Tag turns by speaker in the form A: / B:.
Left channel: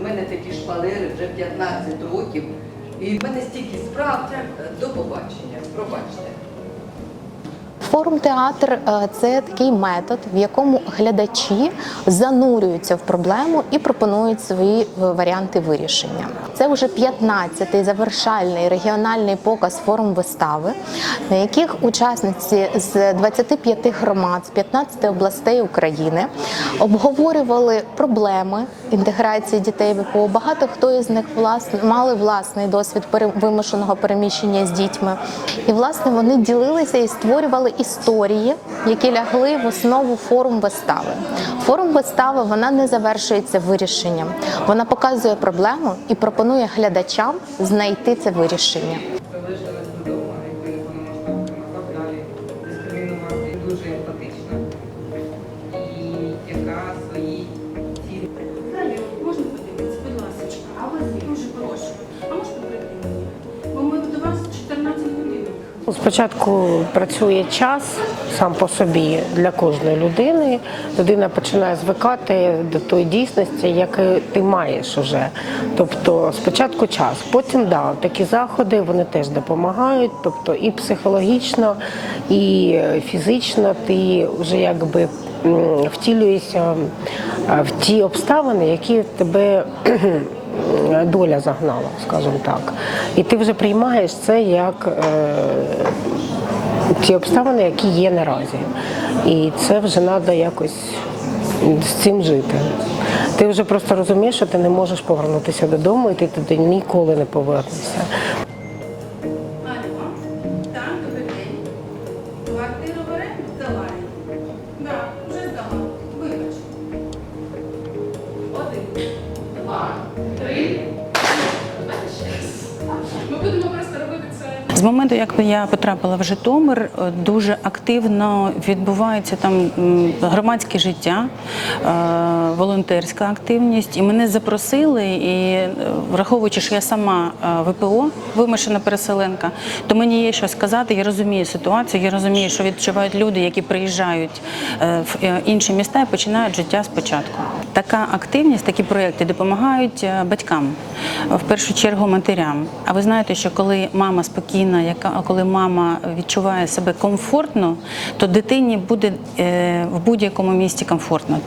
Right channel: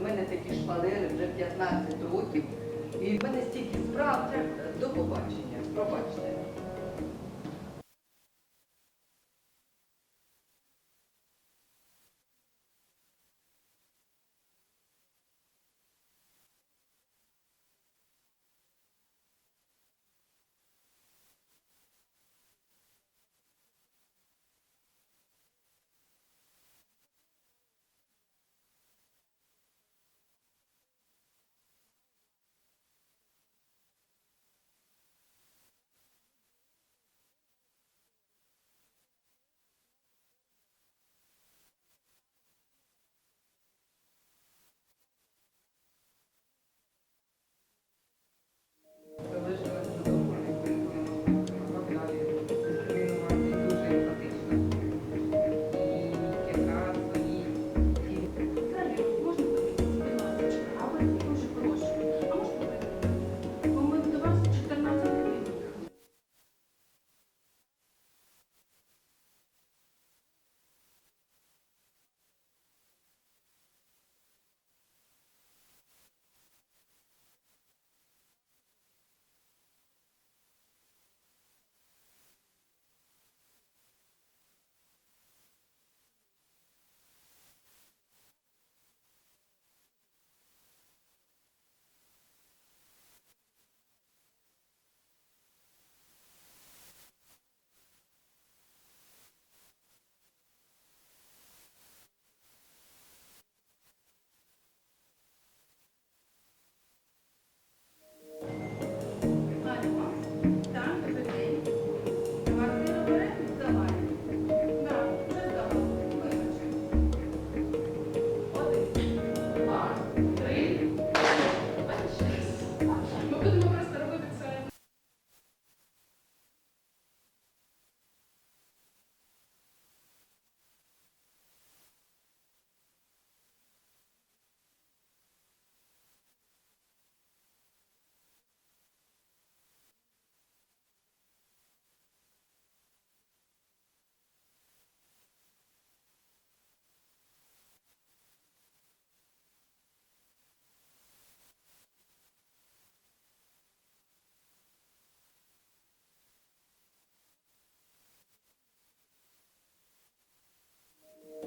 A: В мене такі шпалери вже 15 років. І в мене стільки справ. До побачення.
B: Форум театр е, це такий метод, в якому глядачі занурюються в проблему і пропонують свої е, варіанти вирішення. Це вже 15-й завершальний регіональний показ форум вистави, на яких учасниці з 25 громад з 15 областей України обговорювали проблеми інтеграції дітей ВПО. Багато хто із них власне мали власний досвід вимушеного переміщення з дітьми. І власне вони ділилися і створювали історії, які лягли в основу форум вистави. Форум вистави вона не завершується вирішенням. Вона показує проблему і пропонує глядачам знайти це вирішення.
C: Спочатку працює час сам по собі для кожної людини. Людина починає звикати до тої дійсності, яку ти маєш уже. Тобто спочатку час, потім да, такі заходи вони теж допомагають. Тобто і психологічно, і фізично ти вже якби втілюєшся в ті обставини, які тебе доля загнала, скажімо так. І ти вже приймаєш це як е, ті обставини, які є наразі. І це вже треба якось з цим жити. Ти вже просто розумієш, що ти не можеш повернутися додому, і ти туди ніколи не повернешся.
D: Моменту, як я потрапила в Житомир, е, дуже активно відбувається там громадське життя, е, волонтерська активність. І мене запросили, і е, враховуючи, що я сама е, ВПО, вимушена переселенка, то мені є що сказати. Я розумію ситуацію, я розумію, що відчувають люди, які приїжджають е, в інші міста і починають життя спочатку. Така активність, такі проекти допомагають батькам, в першу чергу матерям. А ви знаєте, що коли мама спокійна, яка коли мама відчуває себе комфортно, то дитині буде в будь-якому місті комфортно.